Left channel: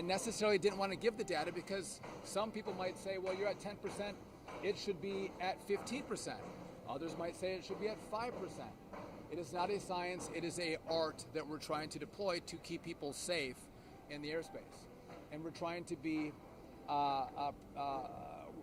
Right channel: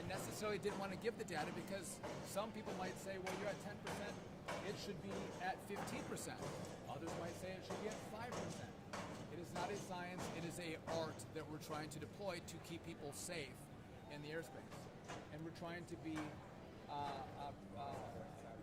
I necessarily didn't want to give the data because some people might say, well, you're at 10%, it should be at 15%. Others might say it should be at 5%. It is not a science, it is an art that we're trying to deploy to keep people safe in the airspace. And we're trying to be,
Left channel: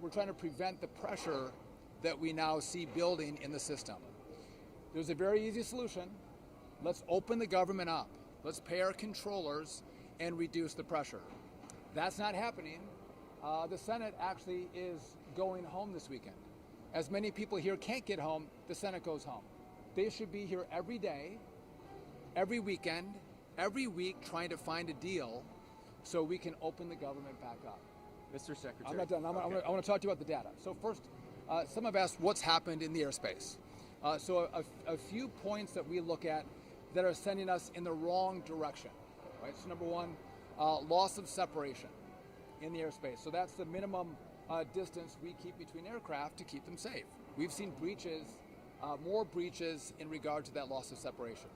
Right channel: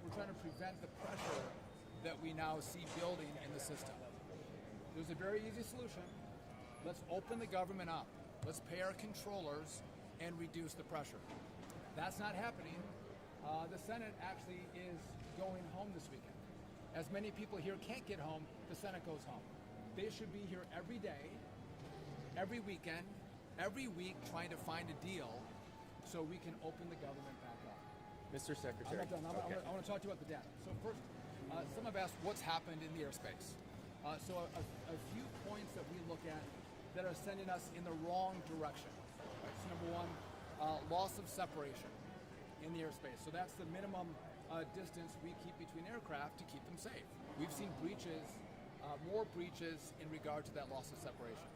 we're trying to prevent the pressure that we now see building in the system. There's a very easy solution. Let's open the government up. Let's pay our controllers and reduce the pressure. That's not happening. The Senate actually is going home this weekend. As many people here can't get home, the Senate goes home. They should be here every day, every weekend, every week trying to find a deal so we can open the government back up. Mr. Secretary. I'm not done. I want to talk to you about the data. So first, some have asked what's happened in the airspace. So a few points that we look at that are sending us in the wrong direction. Right? So number one, loss of separation in the airspace. So that's the minimum distance we keep between aircraft to keep them safe. We've seen breaches, more breaches in regard to that loss of separation.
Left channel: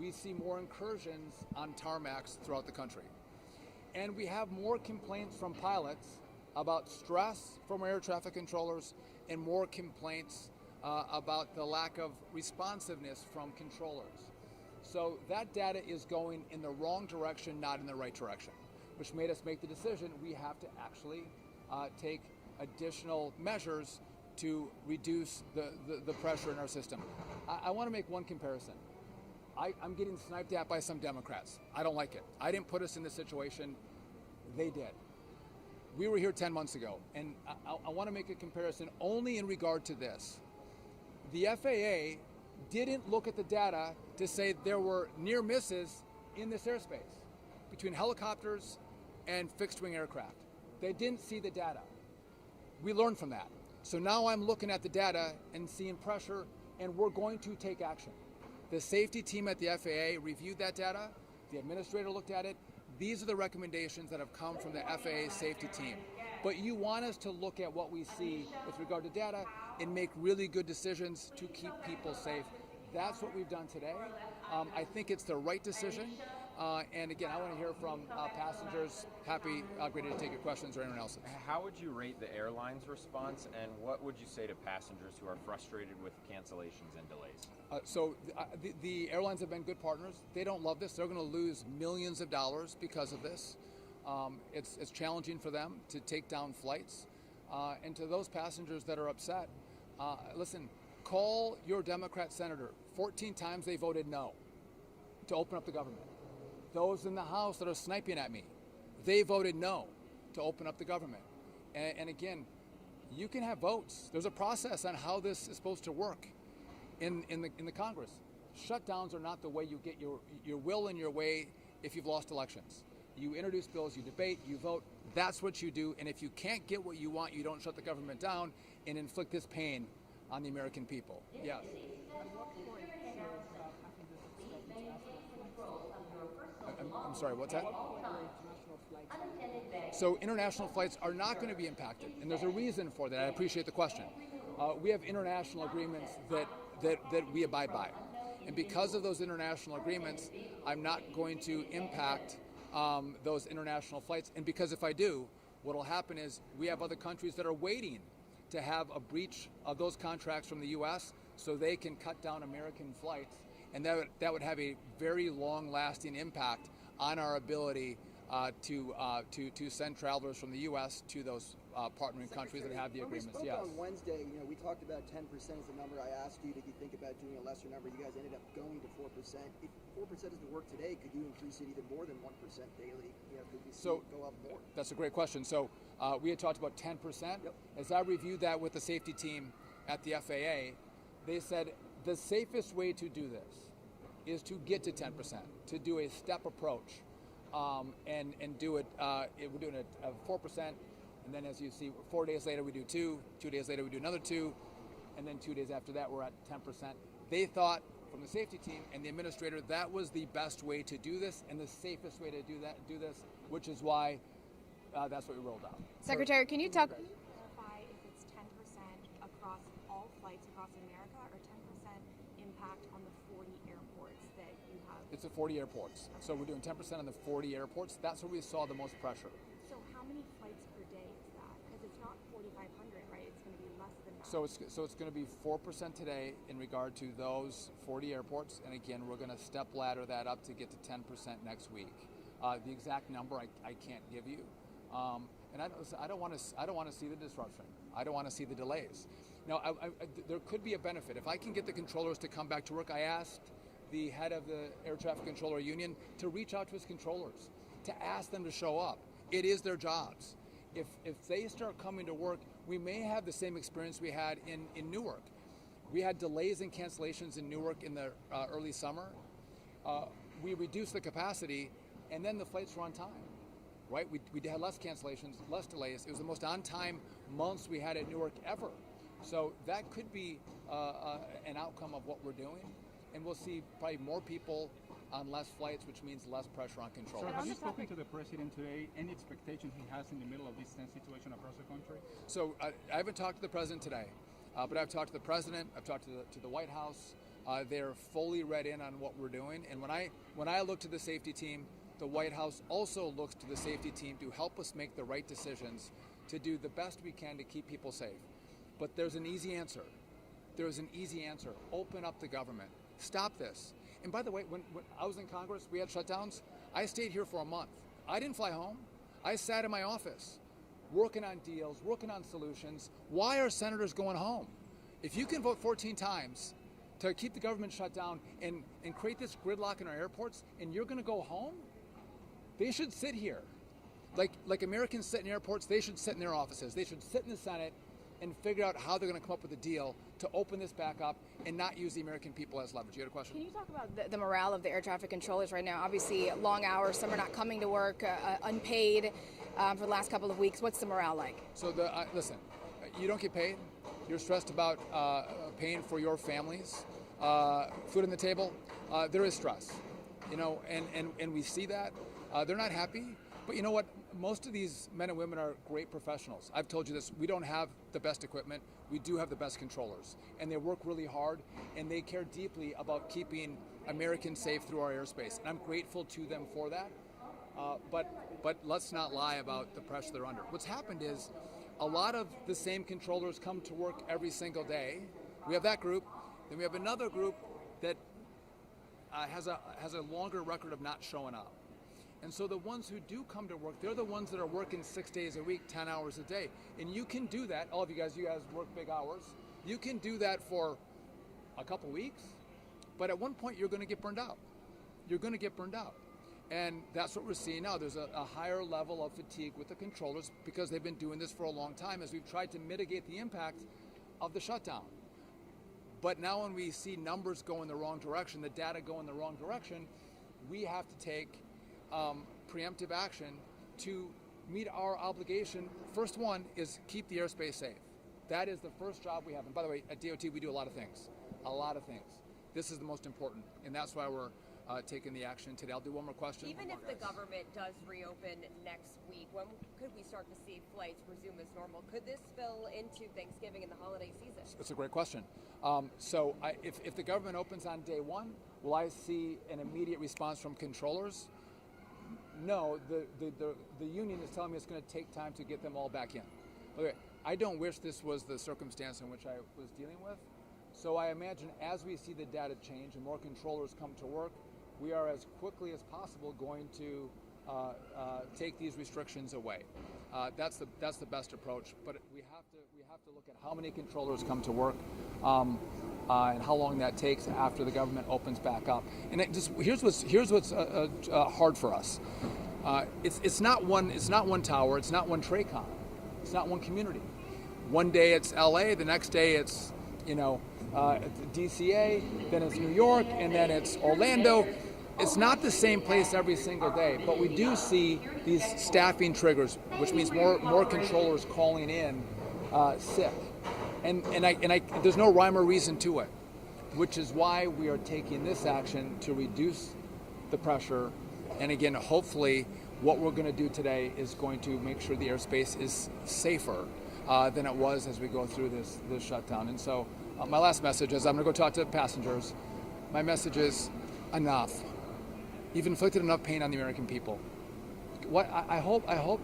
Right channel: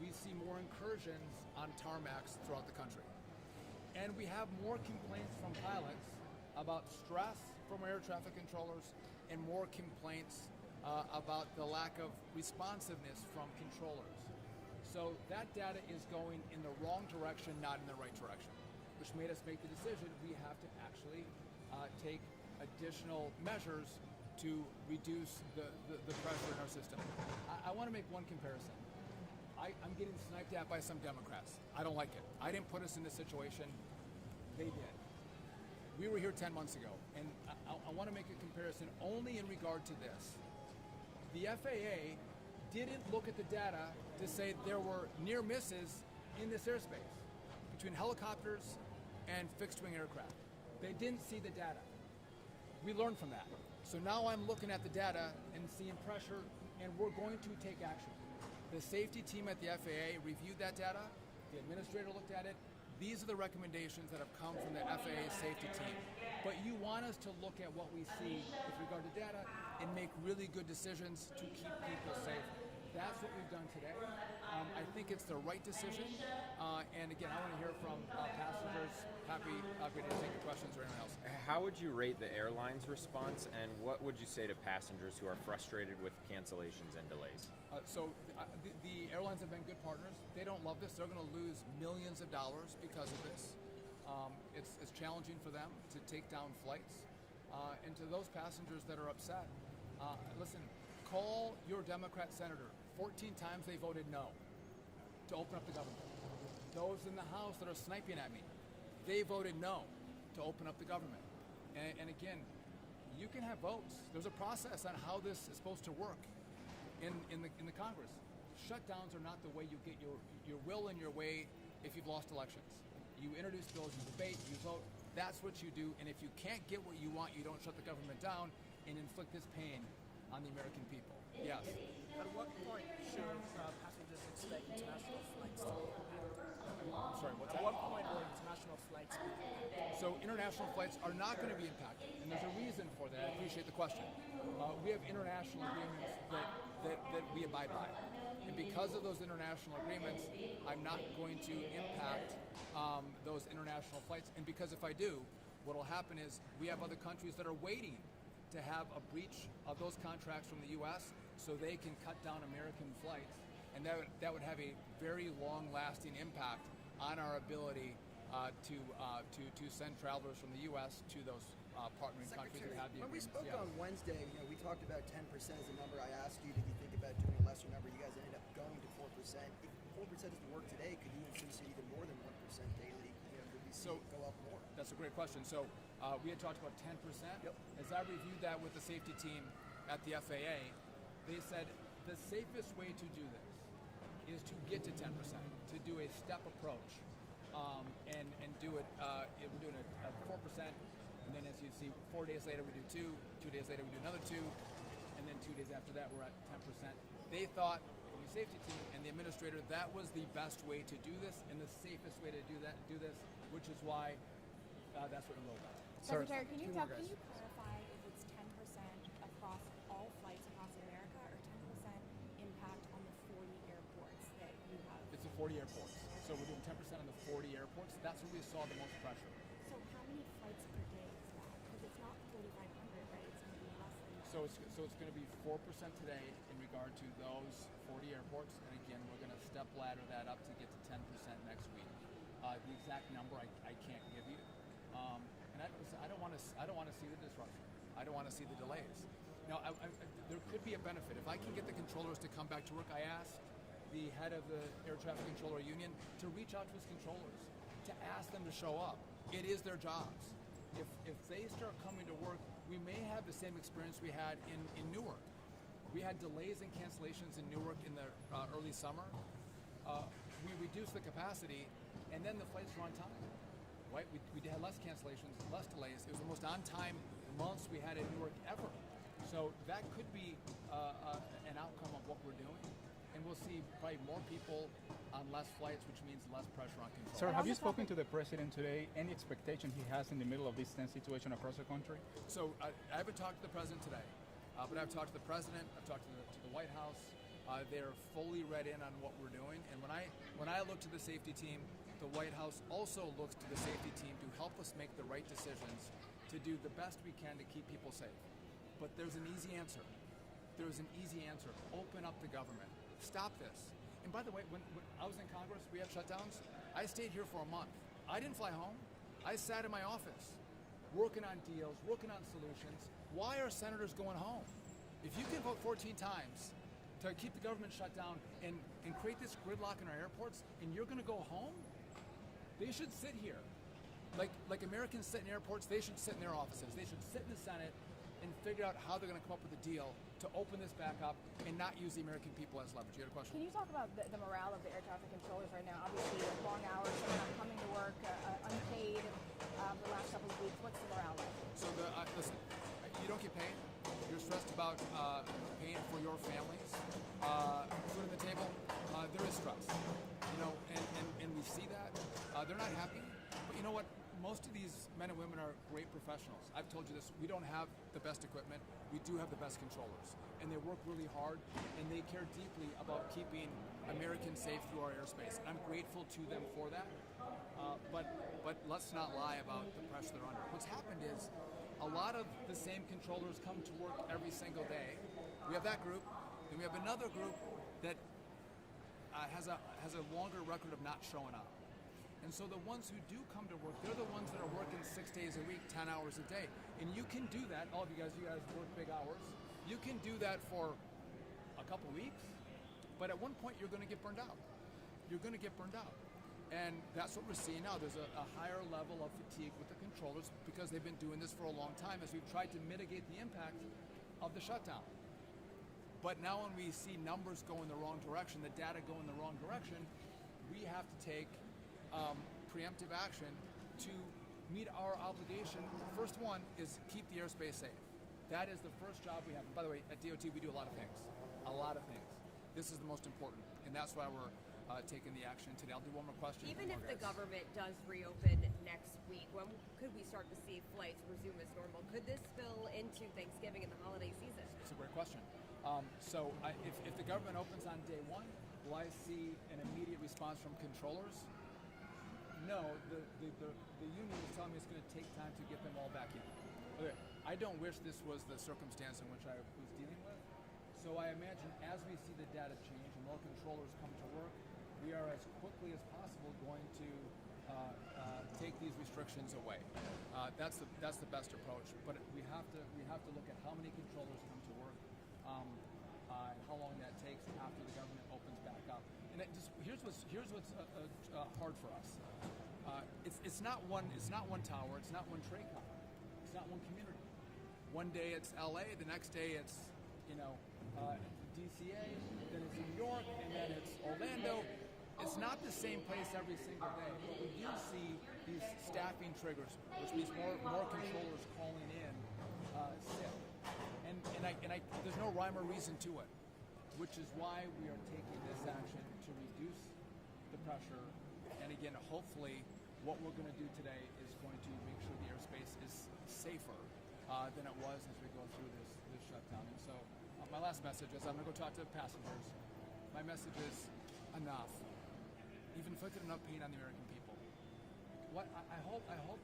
We see more incursions on tarmacs throughout the country. And we have more complaints from pilots about stress from air traffic controllers and more complaints about the lack of responsiveness from controllers. So that data is going in the wrong direction, not in the right direction, which made us make the decision we have to actually take additional measures to reduce the pressure in our system. I want to make one comparison. I'm getting sniped at by some Democrats. I don't like it. I didn't put us in this situation. They did. We were here 10 months ago, and I want to make a comparison only in regard to this. The FAA didn't look at the data to say there were near misses in this airspace between helicopters and fixed-wing aircraft. They didn't see the data. We learned from that. So now I'm looking at the data and seeing pressure, and we're going to take action. The safety team at the FAA reviewed that data. The administrator looked at it. These are the recommendations that have come from the FAA safety team. But you want us to look at what we see with regard to data and make really good decisions to keep people safe. That's what we've done today. I think it's the right decision. And again, I want to hear from passengers. Ready to take your questions or anyone else. How would you rate the airline's response, and what would you say to passengers who are frustrated with cancellations and delays? The airlines have been good partners. They don't love this. They're going to lose millions of dollars because of this. It's challenging for them to take down flights. And to those passengers that are upset, listen, call your Democrat senator. 14 times they voted no to open up the government. Those in the House that are sniping at me, they voted no to open up the government. And again, you can have votes. There's a process on how this is supposed to work in the Congress. Shutdowns are not the way you get your will and your way if you've lost elections. You introduce bills, you debate, you vote. That's what you do. And if you can't get what you want, you don't shut the government down and inflict this pain on the American people. Yes. At what point should passengers expect international flights to open? I'm sorry, what's that? At what point will international flights be open? So international flights are not going to be impacted, and there's a reason for that. I appreciate the question. We have international agreements that we abide by. And because of those international agreements, I'm not going to impact those international flights. And because if I do, what will happen is we have other countries that are waiting to have a breach of those contracts from the U.S. so they can cut down American flights. And that would have a very long-lasting impact on our ability to send travelers from the U.S. to those partnering countries that have the agreements. When we spoke on Wednesday, we talked about 10% as the number. I asked you, did you think about doing a lesser number? You guys ended up going to 4%. If 4% is the work today, could you increase it even more than 1% daily? Could we see it go up more? That's a great question. So we had talked about 10%. Yep. As I reviewed that with the safety team at the FAA, they said the safest way to do this is to get to 10%, to do a step approach. And do it, we're doing it at 4%, and then as you see, 4 days later we do 2 days later we do another 2, and then 2 days after that we're at 10%. They thought, from the safety team and the administrator, that was the best way to do this and the safest way to do this, which is why that's what we rolled out. Secretary, can you talk? Can you clarify if it's 10% across all flights across America or 10% impact on the 40 airports that you have? It's a 40 airports. So we're doing 10% on the 40 airports. That's where we saw the most pressure. So how many flights per day is that? Because it's not 4,500, right? It's going to be less than that. So it's going to be 4% today in regard to those 40 airports, and again, we're going to step ladder that up to get to 10% next week. The exact number I can't give you, and I don't want to see the disruption. I don't want to see the delays. Now, there could be a benefit if I can get the controllers to come back to work. I asked the head of the Air Traffic Controller Union to reach out to his controllers, to ask them to show up. It is their jobs. If they start coming to work, we may have the same experience we had in Newark. We had delays and cancellations in Newark in the early summer. We reduced the capacity, and then the flights were on time, right? We had less cancellations, less delays. It was the most on-time months we had in Newark ever. So that could be an outcome of what we're doing. And we'll see probably more people on less flights, which means less pressure on control. Sir, have you spoken to the president today? Any expectation he has in the middle of this tense situation across the country? So I haven't talked to the president today, but I've talked to the president. I've talked to the White House. They're fully read in on what we're doing. And when I look to the safety team, the White House also looks to the safety team to help us make the right decisions, to do the best we can to keep people safe. But there's an easy answer. There's an easy answer. Open up the government. Stop this. And by the way, when I was in Congress, we had shutdowns. I stayed here for a month. I didn't fly home. I sat in my office, working on deals, working on solutions. Why are senators going home? If you can vote 14 times to keep the government shut down and create this gridlock in our airports, and you're going to go home, they should sit here. Like Americans sit in airports, they should sit in their offices. They should sit in the Senate and figure out how they're going to come up with a deal to open this back up and not use the American people as leverage. You had a question? Can you talk about the morale of the air traffic controllers right now? Obviously, long hours, some are not coming to work, unpaid for the last couple of weeks. What's the morale like? So listen, you don't get paid. You're stressed about paying for your families, food on the table. There is stress, and we see that. They're not happy, but you know what? Most of these men and women are great professionals. I've told you this, we don't have the best equipment, we do have the best controllers. And they work really hard, and they care deeply about keeping Americans safe through our airspace. And I'm grateful to them for that. But let's not lie about the pressure they're under. What's happened is a lot of the same controllers come to work every single day. We have that group, then we have another group that has a longer record of not showing up. And so the ones who do come to work, they're the ones that are working 6 days a week, 10 hours a day. And you can do that, all of you guys work big hours. You can do that for a couple weeks, but at one point you're going to get burned out. You're going to get burned out. And that's what we're seeing now. There's a higher level of fatigue with the controllers because they've been doing this for a long time as we've tried to mitigate the impact of the shutdown. But now when we see numbers go in the wrong direction, the data go in the wrong direction, we have to take preemptive action to meet our obligation. First one is keep the airspace safe. That is the first job we have. And by the way, at DOT, we do a lot of things. This is the most important, and that's why we're taking the action today. I'll do one more question. Even if the government does reopen next week, when could we start to see flights resume as normal? Could this spill into Thanksgiving and the holiday season? It's a great question. If the government opens on day one, will I see an immediate response from controllers? No, the union is telling me it's going to take time to get them all back in. Okay, I don't wish this was the circumstance in which I was dealing with. So I imagine as we see the data change and more controllers come to work, we are as quickly as possible going to take these restrictions away. That's the best approach. But we have to look at how many controllers come to work. And how long that takes after the government opens back up. And here's what's hard for us. It's not one tower. It's not one TRACON. It's not one community. One day it's LA. The next day it's DCA. Then it's New York, and then it's Orlando. It's not the same place every single day. But we do see these staffing triggers, which means more controllers calling in sick. And there's no rhyme or reason to it, which is why we are taking this action to reduce the pressure. And again, hopefully, what we're going to do today is going to make sure the airspace is safer than it was as we go through this shutdown. And so my last message is I'm going to go talk to passengers. My message is enough. You've inflicted enough pain on the American people. What I hope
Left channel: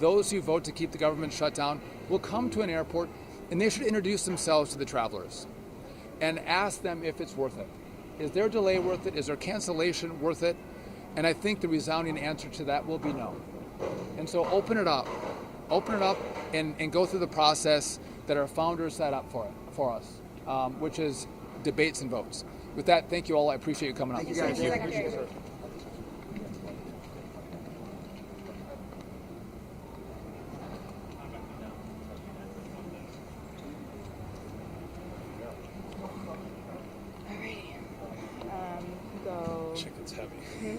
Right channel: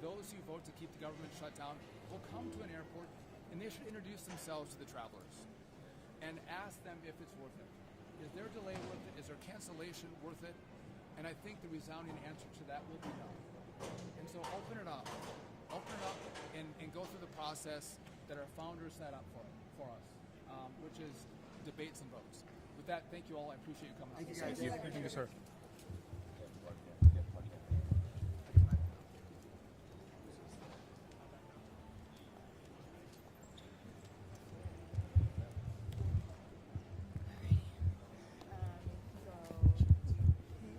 those who vote to keep the government shut down will come to an airport, and they should introduce themselves to the travelers and ask them if it's worth it. Is their delay worth it? Is their cancellation worth it? And I think the resounding answer to that will be no. And so open it up and go through the process that our founders set up for us, which is debates and votes. With that, thank you all. I appreciate you coming up. Thank you, guys. Secretary. Sir. Alrighty. Go. Chicken's heavy.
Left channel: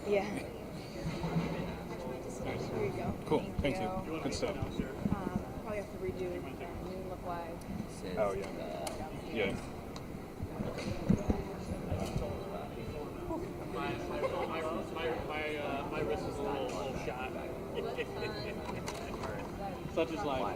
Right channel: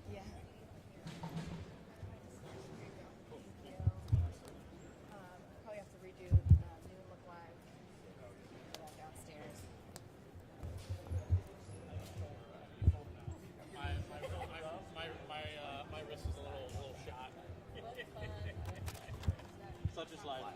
Yeah. Here we go. Cool. Thank you. Good stuff. Probably have to redo Noon Look Live. Oh, yeah. Yeah. My wrist is a little shot. Such is life.